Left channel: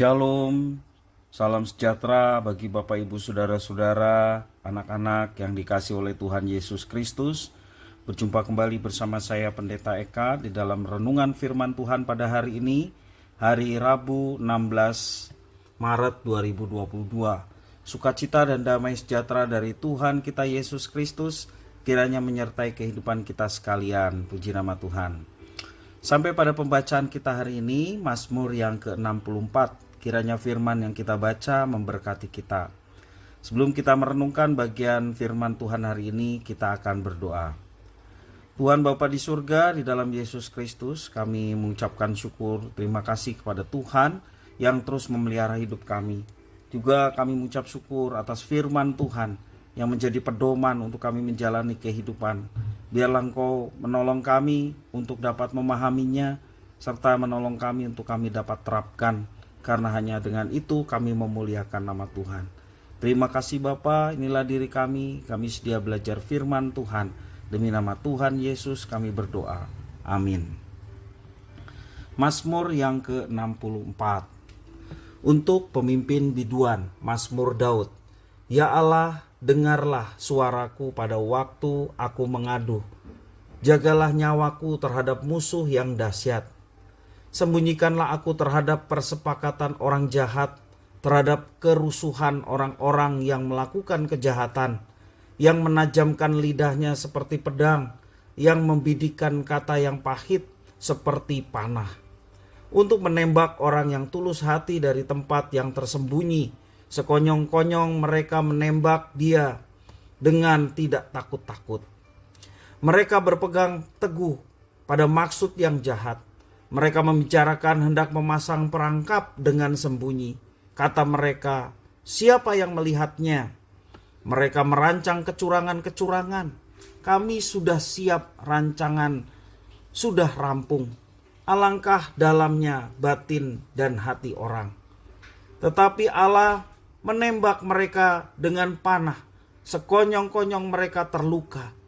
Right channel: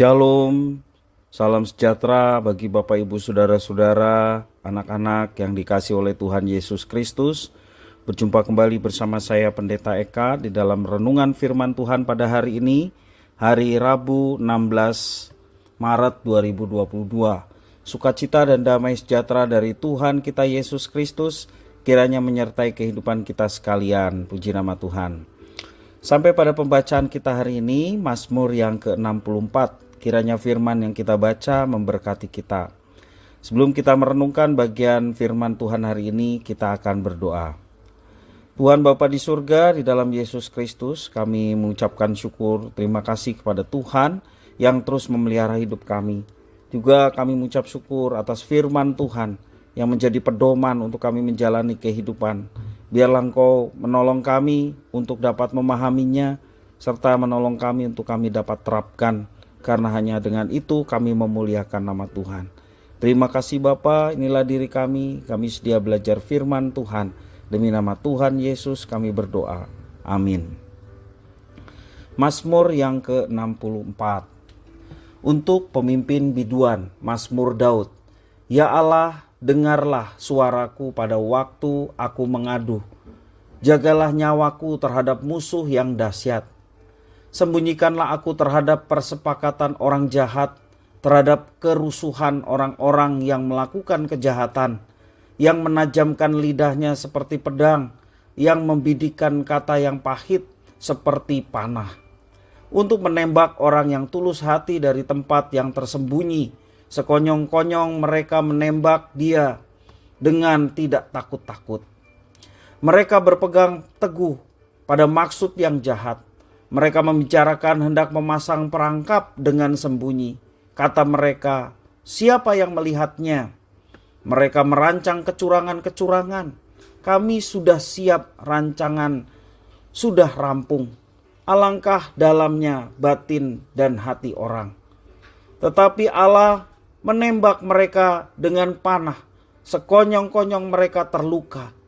Shalom, salam sejahtera bagi Bapak Ibu Saudara-saudara, anak-anak yang dikasihi oleh Tuhan Yesus Kristus. Berjumpa kembali bersama saya Pendeta Eka di dalam renungan firman Tuhan pada hari ini, hari Rabu 16 Maret 2022. Sukacita dan damai sejahtera dari Tuhan kita Yesus Kristus kiranya menyertai kehidupan kita sekalian. Puji nama Tuhan. Sampai pada pembacaan kita hari ini, Mazmur yang ke-64. Kiranya firman yang kita baca memberkati kita. Sebelum kita merenungkan bagian firman Tuhan hari ini, kita akan berdoa. Tuhan Bapa di surga, di dalam Yesus Kristus, kami mengucapkan syukur, terima kasih kepada Tuhan yang terus memelihara hidup kami. Juga kami mengucap syukur atas firman Tuhan yang menjadi pedoman untuk kami menjalani kehidupan. Biarlah Engkau menolong kami untuk dapat memahaminya, serta menolong kami untuk kami dapat terapkan, karena hanya dengan itu kami memuliakan nama Tuhan. Terima kasih Bapa, inilah diri kami sedia belajar firman Tuhan. Demi nama Tuhan Yesus kami berdoa. Amin. Mazmur yang ke-64. Untuk pemimpin biduan, Mazmur Daud. Ya Allah, dengarlah suaraku pada waktu aku mengadu. Jagalah nyawaku terhadap musuh yang dahsyat. Sembunyikanlah aku terhadap persepakatan orang jahat, terhadap kerusuhan orang-orang yang melakukan kejahatan, yang menajamkan lidahnya seperti pedang, yang membidikkan kata yang pahit seperti panah. Untuk menembak orang yang tulus hati dari tempat yang tersembunyi, sekonyong-konyong mereka menembak dia dengan tidak takut-takut. Mereka berpegang teguh pada maksud yang jahat. Mereka membicarakan hendak memasang perangkap dengan sembunyi. Kata mereka, siapa yang melihatnya? Mereka merancang kecurangan-kecurangan. Kami sudah siap, rancangan sudah rampung. Alangkah dalamnya batin dan hati orang. Tetapi Allah menembak mereka dengan panah. Sekonyong-konyong mereka terluka.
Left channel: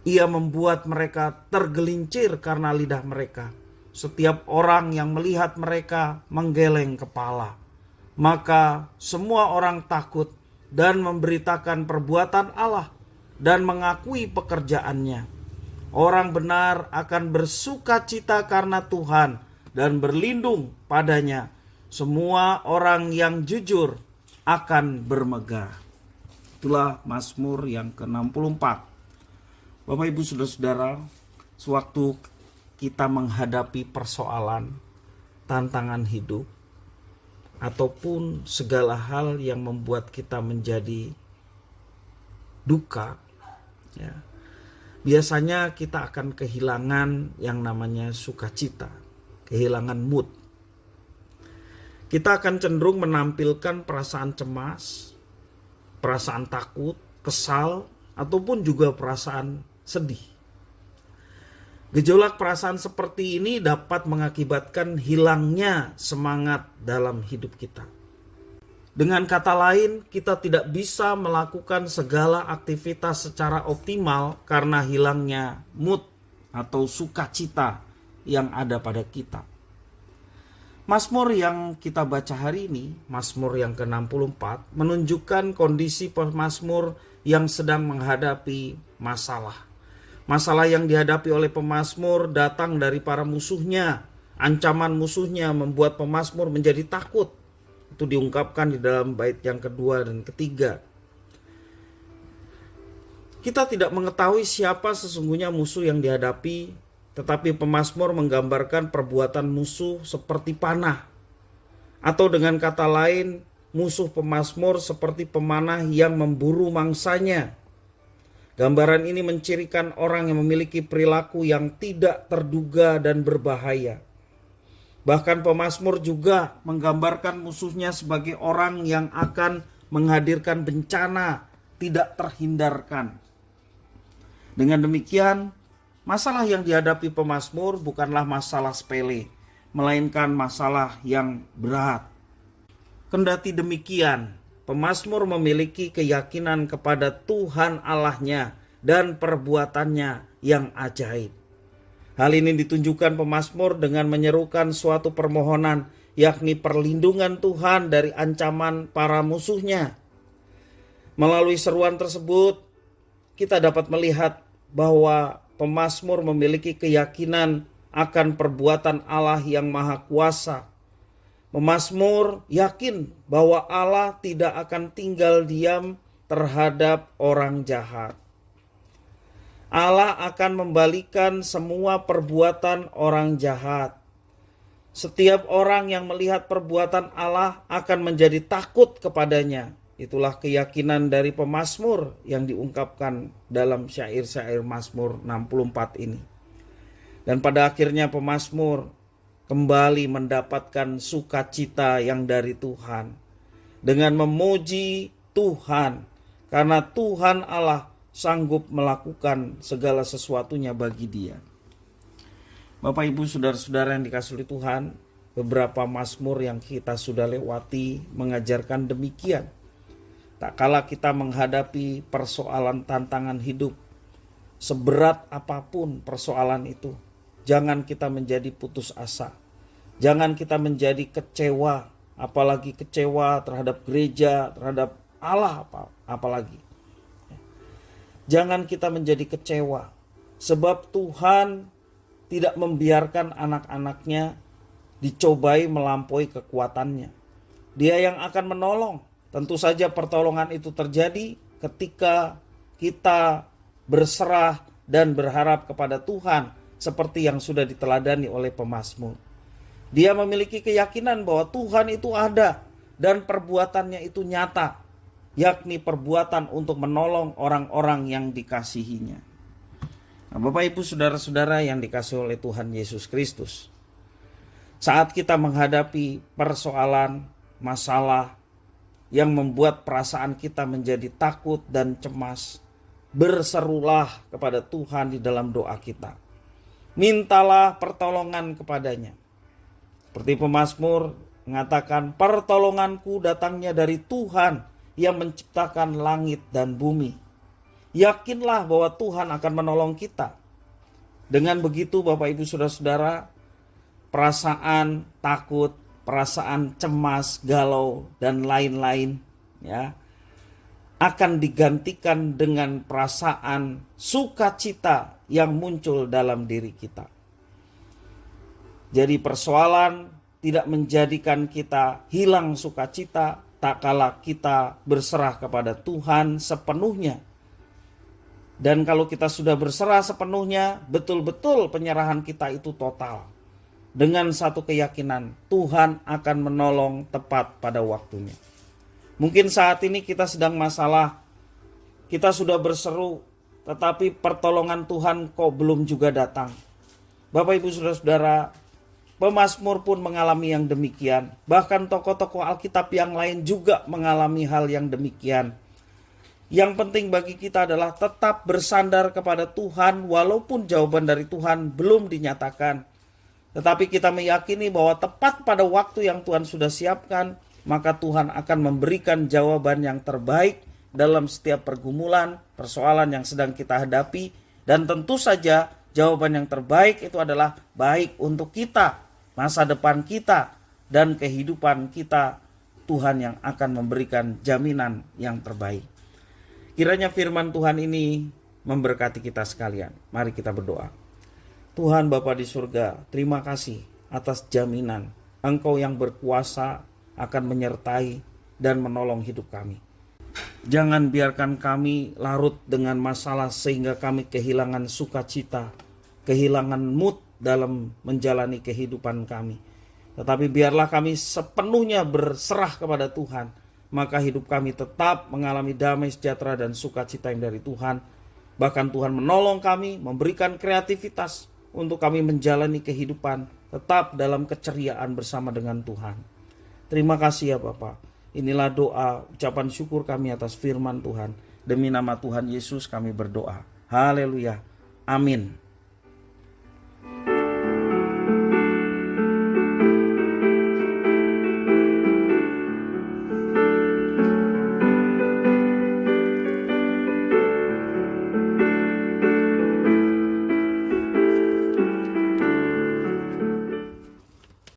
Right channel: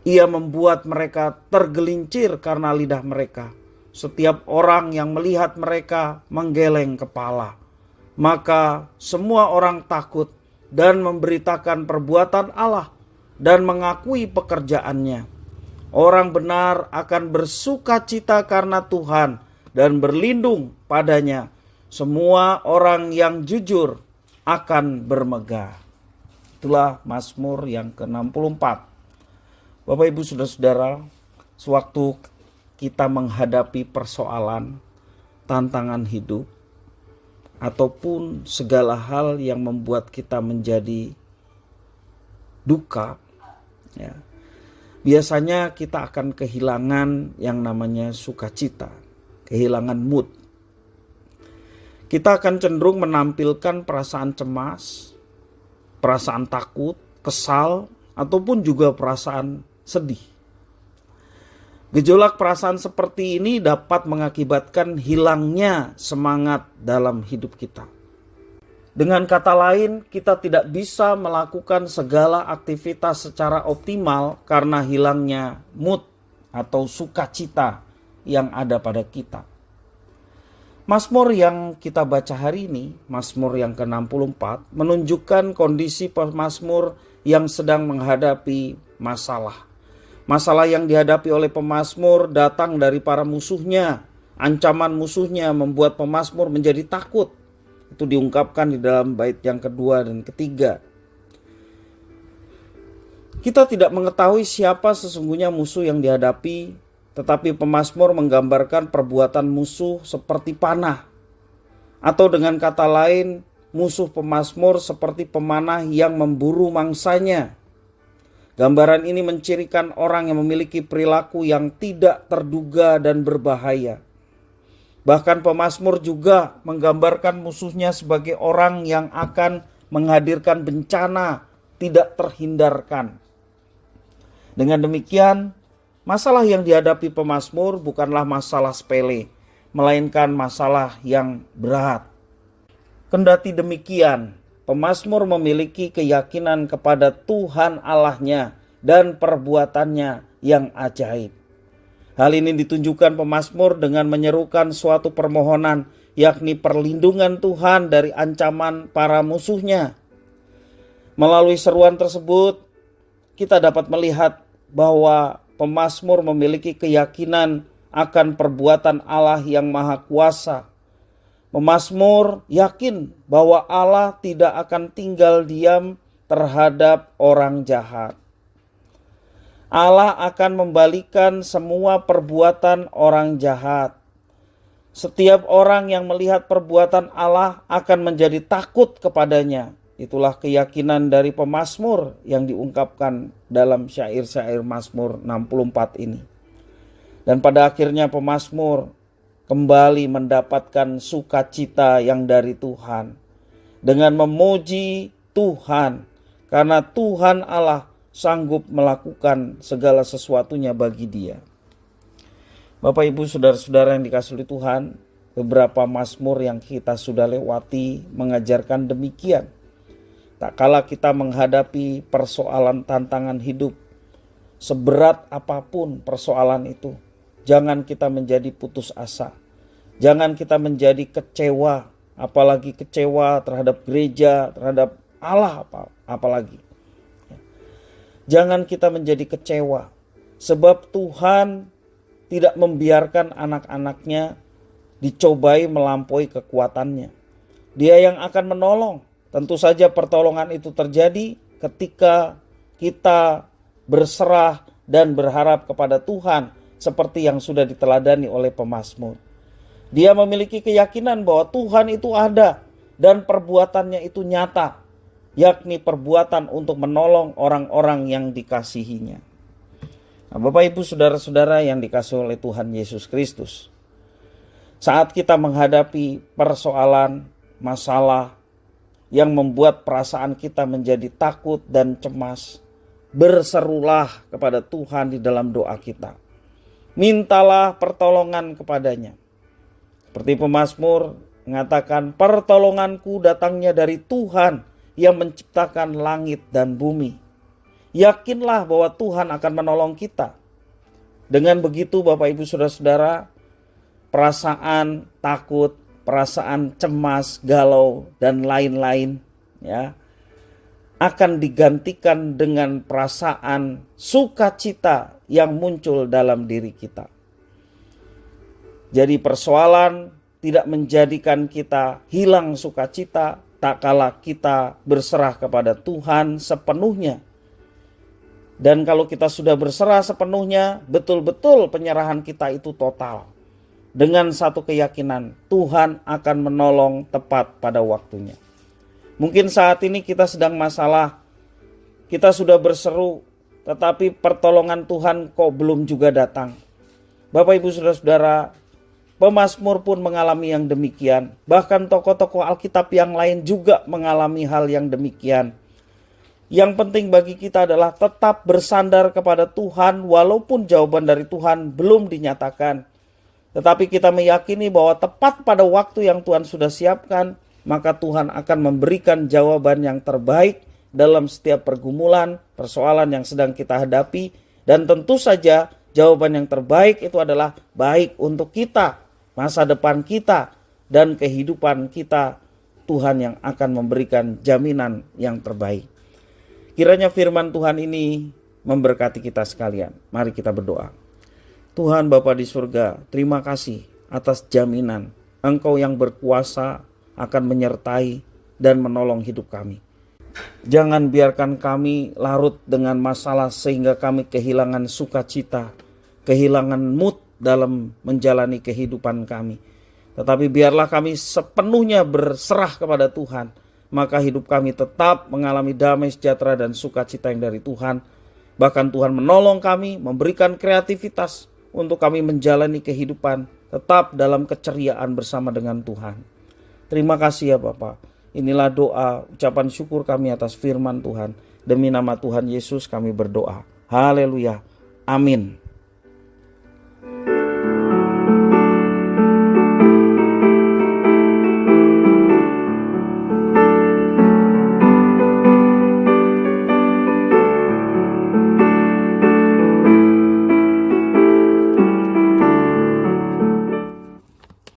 Ia membuat mereka tergelincir karena lidah mereka. Setiap orang yang melihat mereka menggeleng kepala. Maka semua orang takut dan memberitakan perbuatan Allah dan mengakui pekerjaannya. Orang benar akan bersukacita karena Tuhan dan berlindung padanya. Semua orang yang jujur akan bermegah. Itulah Mazmur yang ke-64. Bapak Ibu Saudara-saudara, sewaktu kita menghadapi persoalan, tantangan hidup, ataupun segala hal yang membuat kita menjadi duka, ya, biasanya kita akan kehilangan yang namanya sukacita, kehilangan mood. Kita akan cenderung menampilkan perasaan cemas, perasaan takut, kesal, ataupun juga perasaan sedih. Gejolak perasaan seperti ini dapat mengakibatkan hilangnya semangat dalam hidup kita. Dengan kata lain, kita tidak bisa melakukan segala aktivitas secara optimal karena hilangnya mood atau sukacita yang ada pada kita. Mazmur yang kita baca hari ini, Mazmur yang ke-64, menunjukkan kondisi pemazmur yang sedang menghadapi masalah. Masalah yang dihadapi oleh pemazmur datang dari para musuhnya. Ancaman musuhnya membuat pemazmur menjadi takut. Itu diungkapkan di dalam bait yang kedua dan ketiga. Kita tidak mengetahui siapa sesungguhnya musuh yang dihadapi, tetapi pemazmur menggambarkan perbuatan musuh seperti panah. Atau dengan kata lain, musuh pemazmur seperti pemanah yang memburu mangsanya. Gambaran ini mencirikan orang yang memiliki perilaku yang tidak terduga dan berbahaya. Bahkan pemazmur juga menggambarkan musuhnya sebagai orang yang akan menghadirkan bencana tidak terhindarkan. Dengan demikian, masalah yang dihadapi pemazmur bukanlah masalah sepele, melainkan masalah yang berat. Kendati demikian, pemazmur memiliki keyakinan kepada Tuhan Allahnya dan perbuatannya yang ajaib. Hal ini ditunjukkan pemazmur dengan menyerukan suatu permohonan yakni perlindungan Tuhan dari ancaman para musuhnya. Melalui seruan tersebut, kita dapat melihat bahwa pemazmur memiliki keyakinan akan perbuatan Allah yang Maha Kuasa. Pemazmur yakin bahwa Allah tidak akan tinggal diam terhadap orang jahat. Allah akan membalikan semua perbuatan orang jahat. Setiap orang yang melihat perbuatan Allah akan menjadi takut kepadanya. Itulah keyakinan dari pemazmur yang diungkapkan dalam syair-syair Mazmur 64 ini. Dan pada akhirnya pemazmur kembali mendapatkan sukacita yang dari Tuhan dengan memuji Tuhan, karena Tuhan Allah sanggup melakukan segala sesuatunya bagi dia. Bapak Ibu saudara-saudara yang dikasihi oleh Tuhan, beberapa mazmur yang kita sudah lewati mengajarkan demikian. Tak kala kita menghadapi persoalan tantangan hidup, seberat apapun persoalan itu, jangan kita menjadi putus asa. Jangan kita menjadi kecewa, apalagi kecewa terhadap gereja, terhadap Allah apalagi. Jangan kita menjadi kecewa, sebab Tuhan tidak membiarkan anak-anaknya dicobai melampaui kekuatannya. Dia yang akan menolong. Tentu saja pertolongan itu terjadi ketika kita berserah dan berharap kepada Tuhan seperti yang sudah diteladani oleh pemazmur. Dia memiliki keyakinan bahwa Tuhan itu ada dan perbuatannya itu nyata, yakni perbuatan untuk menolong orang-orang yang dikasihinya. Nah, Bapak Ibu saudara-saudara yang dikasihi oleh Tuhan Yesus Kristus, saat kita menghadapi persoalan, masalah yang membuat perasaan kita menjadi takut dan cemas, berserulah kepada Tuhan di dalam doa kita. Mintalah pertolongan kepadanya. Seperti pemazmur mengatakan, pertolonganku datangnya dari Tuhan yang menciptakan langit dan bumi. Yakinlah bahwa Tuhan akan menolong kita. Dengan begitu Bapak Ibu saudara-saudara, perasaan takut, perasaan cemas, galau, dan lain-lain ya akan digantikan dengan perasaan sukacita yang muncul dalam diri kita. Jadi persoalan tidak menjadikan kita hilang sukacita tak kala kita berserah kepada Tuhan sepenuhnya. Dan kalau kita sudah berserah sepenuhnya, betul-betul penyerahan kita itu total. Dengan satu keyakinan, Tuhan akan menolong tepat pada waktunya. Mungkin saat ini kita sedang masalah, kita sudah berseru, tetapi pertolongan Tuhan kok belum juga datang. Bapak Ibu saudara-saudara, pemazmur pun mengalami yang demikian. Bahkan tokoh-tokoh Alkitab yang lain juga mengalami hal yang demikian. Yang penting bagi kita adalah tetap bersandar kepada Tuhan walaupun jawaban dari Tuhan belum dinyatakan. Tetapi kita meyakini bahwa tepat pada waktu yang Tuhan sudah siapkan, maka Tuhan akan memberikan jawaban yang terbaik dalam setiap pergumulan, persoalan yang sedang kita hadapi. Dan tentu saja jawaban yang terbaik itu adalah baik untuk kita, masa depan kita, dan kehidupan kita. Tuhan yang akan memberikan jaminan yang terbaik. Kiranya firman Tuhan ini memberkati kita sekalian. Mari kita berdoa. Tuhan Bapa di surga, terima kasih atas jaminan Engkau yang berkuasa akan menyertai dan menolong hidup kami. Jangan biarkan kami larut dengan masalah sehingga kami kehilangan sukacita, kehilangan mood dalam menjalani kehidupan kami. Tetapi biarlah kami sepenuhnya berserah kepada Tuhan, maka hidup kami tetap mengalami damai sejahtera dan sukacita yang dari Tuhan. Bahkan Tuhan menolong kami, memberikan kreativitas untuk kami menjalani kehidupan tetap dalam keceriaan bersama dengan Tuhan. Terima kasih ya Bapa. Inilah doa, ucapan syukur kami atas firman Tuhan. Demi nama Tuhan Yesus kami berdoa. Haleluya. Amin.